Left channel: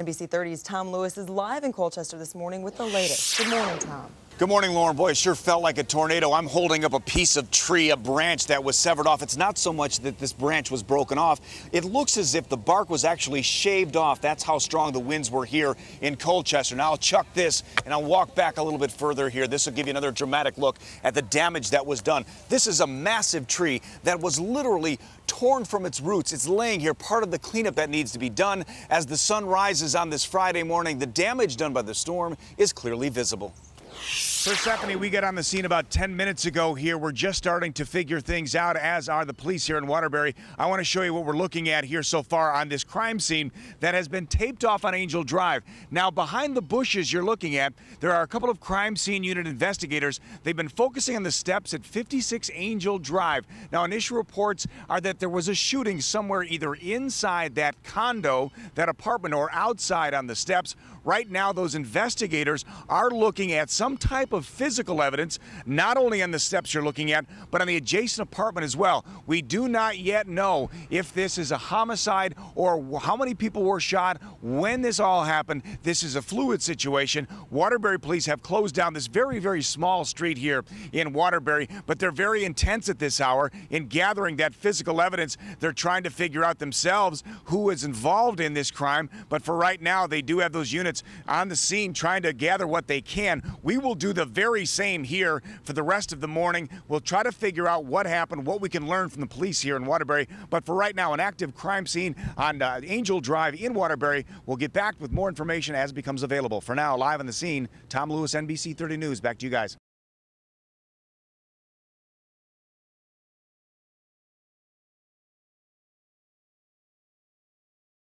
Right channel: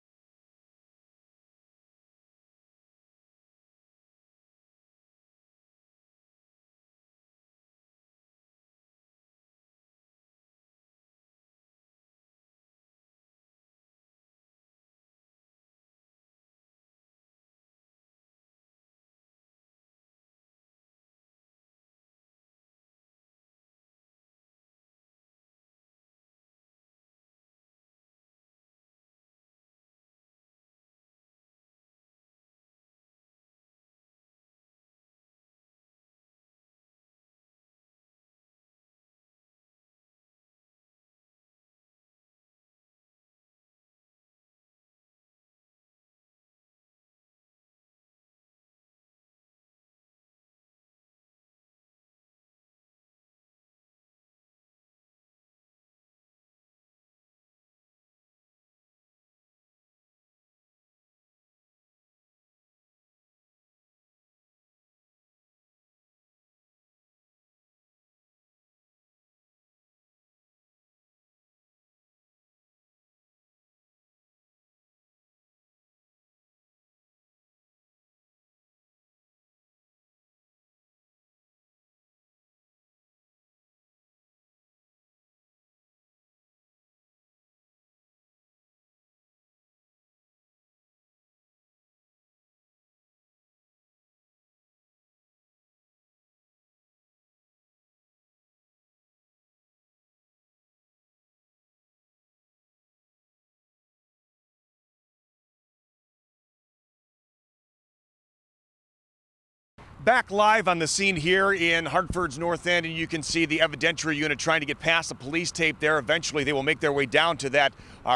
NBC 30's Tom Lewis is live in Colchester this morning with the latest. Good morning, Tom. Good morning, Lauren. Boy, it sure felt like a tornado. I'm holding up a piece of tree, a branch that was severed off. It's not so much that this branch was broken off. It looks as if the bark was actually shaved off. That's how strong the winds were here in Colchester. Now I'll chuck this and I'll walk back a little bit further here. This will give you another dramatic look at the damage that was done. This is a massive tree that was literally torn from its roots. It's laying here, part of the cleanup that needs to be done. As the sun rises on this Friday morning, the damage done by the storm is clearly visible. Persephone, we got on the scene about 10 minutes ago here. We're just starting to figure things out, as are the police here in Waterbury. I want to show you what we're looking at here so far on this crime scene that has been taped off on Angel Drive. Now, behind the bushes you're looking at, there are a couple of crime scene unit investigators. They've been focusing on the steps at 56 Angel Drive. Now, initial reports are that there was a shooting somewhere either inside that condo, that apartment, or outside on the steps. Right now, those investigators are looking at some type of physical evidence, not only on the steps you're looking at, but on the adjacent apartment as well. We do not yet know if this is a homicide or how many people were shot, when this all happened. This is a fluid situation. Waterbury police have closed down this very, very small street here in Waterbury, but they're very intense at this hour in gathering that physical evidence. They're trying to figure out themselves who is involved in this crime, but for right now, they do have those units on the scene trying to gather what they can. We will do the very same here for the rest of the morning. We'll try to figure out what happened, what we can learn from the police here in Waterbury. But for right now, an active crime scene on Angel Drive in Waterbury. We'll get back with more information as it becomes available. For now, live on the scene, Tom Lewis, NBC 30 News. Back to you guys. Back live on the scene here in Hartford's North End, and you can see the evidentiary unit trying to get past the police tape there. Eventually, they will make their way down to that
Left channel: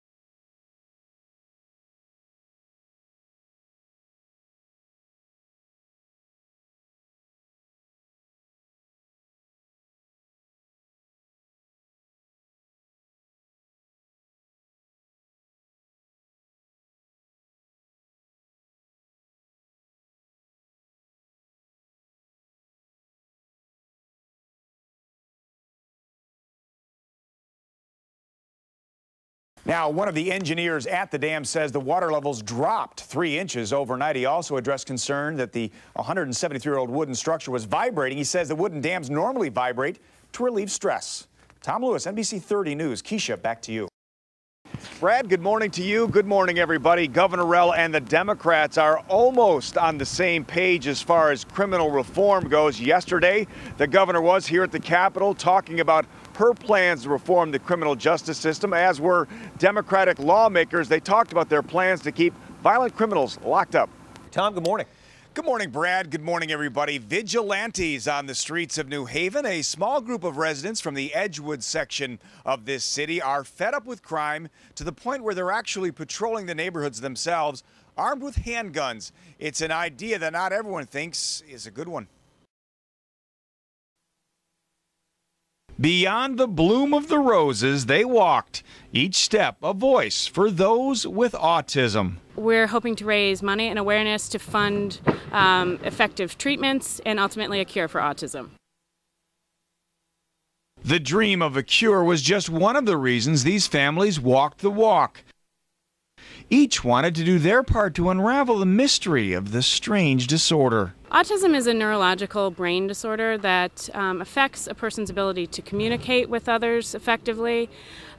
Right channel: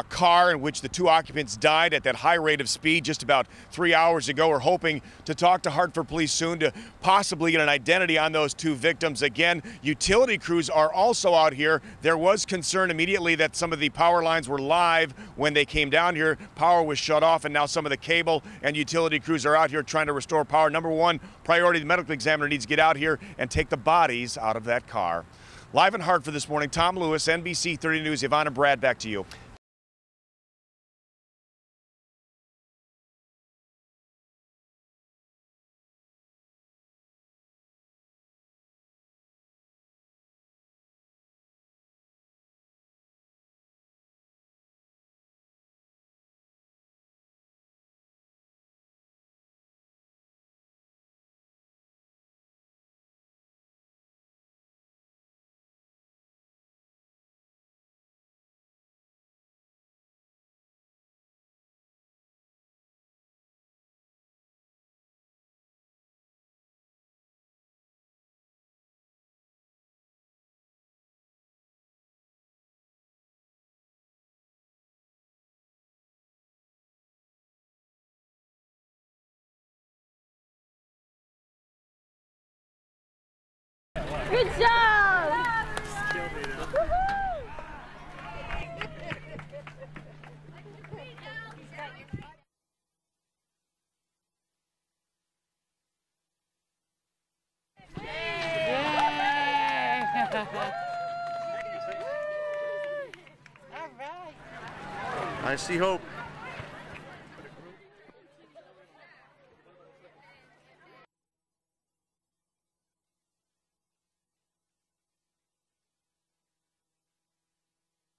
car in which the two occupants died at that high rate of speed just about 3 hours ago. We're hoping to talk to Hartford police soon to possibly get an identity on those two victims. Again, utility crews are also out here. There was concern immediately that some of the power lines were live when they came down here. Power was shut off, and now some of the cable and utility crews are out here trying to restore power. Number one priority, the medical examiner needs to get out here and take the bodies out of that car. Live in Hartford this morning, Tom Lewis, NBC 30 News. Yvonne and Brad, back to you. Now, one of the engineers at the dam says the water levels dropped 3 inches overnight. He also addressed concern that the 173-year-old wooden structure was vibrating. He says the wooden dams normally vibrate to relieve stress. Tom Lewis, NBC 30 News. Keisha, back to you. Brad, good morning to you. Good morning, everybody. Governor Rell and the Democrats are almost on the same page as far as criminal reform goes. Yesterday, the governor was here at the Capitol talking about her plans to reform the criminal justice system, as were Democratic lawmakers. They talked about their plans to keep violent criminals locked up. Tom, good morning. Good morning, Brad. Good morning, everybody. Vigilantes on the streets of New Haven. A small group of residents from the Edgewood section of this city are fed up with crime to the point where they're actually patrolling the neighborhoods themselves, armed with handguns. It's an idea that not everyone thinks is a good one. Good job! Beyond the bloom of the roses, they walked. Each step a voice for those with autism. We're hoping to raise money and awareness to fund effective treatments and ultimately a cure for autism. The dream of a cure was just one of the reasons these families walked the walk. I see hope. Each wanted to do their part to unravel the mystery of this strange disorder. Autism is a neurological brain disorder that affects a person's ability to communicate with others effectively.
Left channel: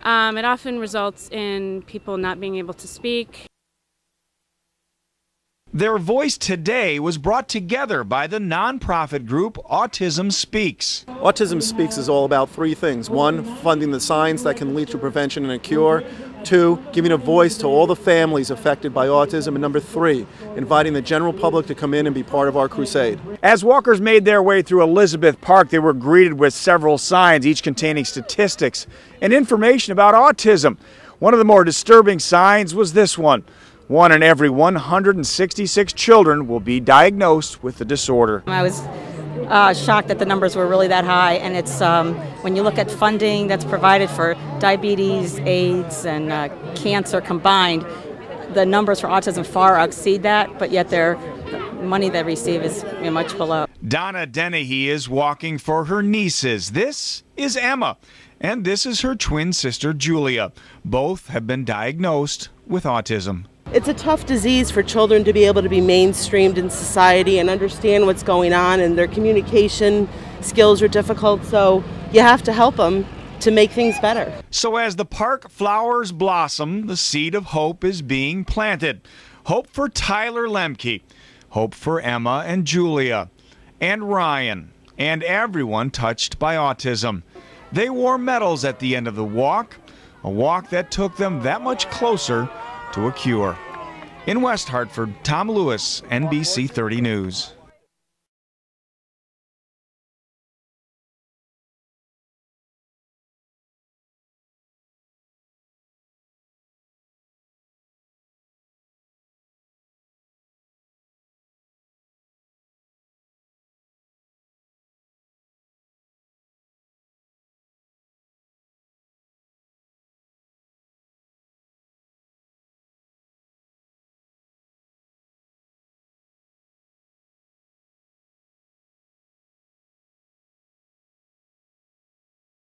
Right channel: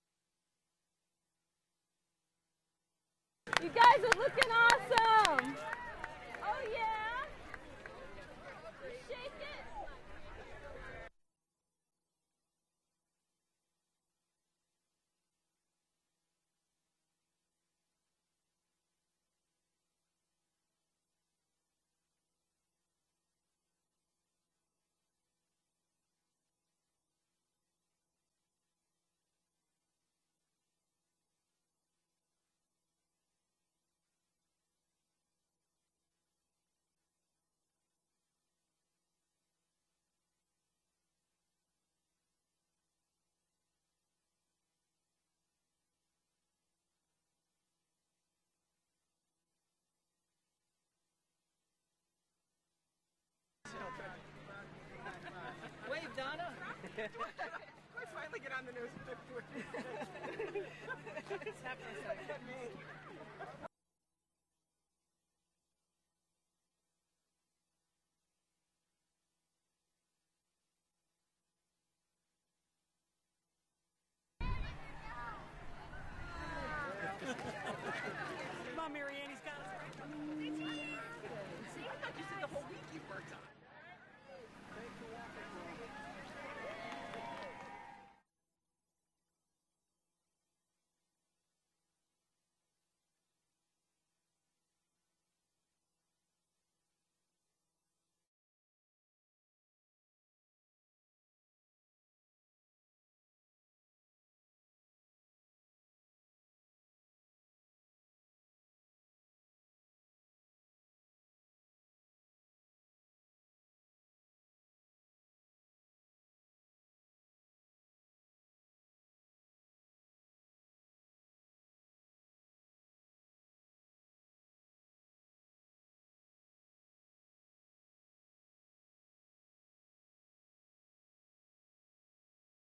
It often results in people not being able to speak. You guys are looking awesome! Their voice today was brought together by the nonprofit group Autism Speaks. Autism Speaks is all about 3 things. 1, funding the signs that can lead to prevention and a cure. 2, giving a voice to all the families affected by autism. And number 3, inviting the general public to come in and be part of our crusade. As walkers made their way through Elizabeth Park, they were greeted with several signs, each containing statistics and information about autism. One of the more disturbing signs was this one. 1 in every 166 children will be diagnosed with the disorder. I was shocked that the numbers were really that high, and it's when you look at funding that's provided for diabetes, AIDS, and cancer combined, the numbers for autism far exceed that, but yet the money they receive is much below. Donna Dennehy is walking for her nieces. This is Emma, and this is her twin sister Julia. Both have been diagnosed with autism. It's a tough disease for children to be able to be mainstreamed in society and understand what's going on, and their communication skills are difficult, so you have to help them to make things better. So as the park flowers blossom, the seed of hope is being planted. Hope for Tyler Lemke, hope for Emma and Julia, and Ryan, and everyone touched by autism. They wore medals at the end of the walk, a walk that took them that much closer to a cure. In West Hartford, Tom Lewis, NBC 30 News.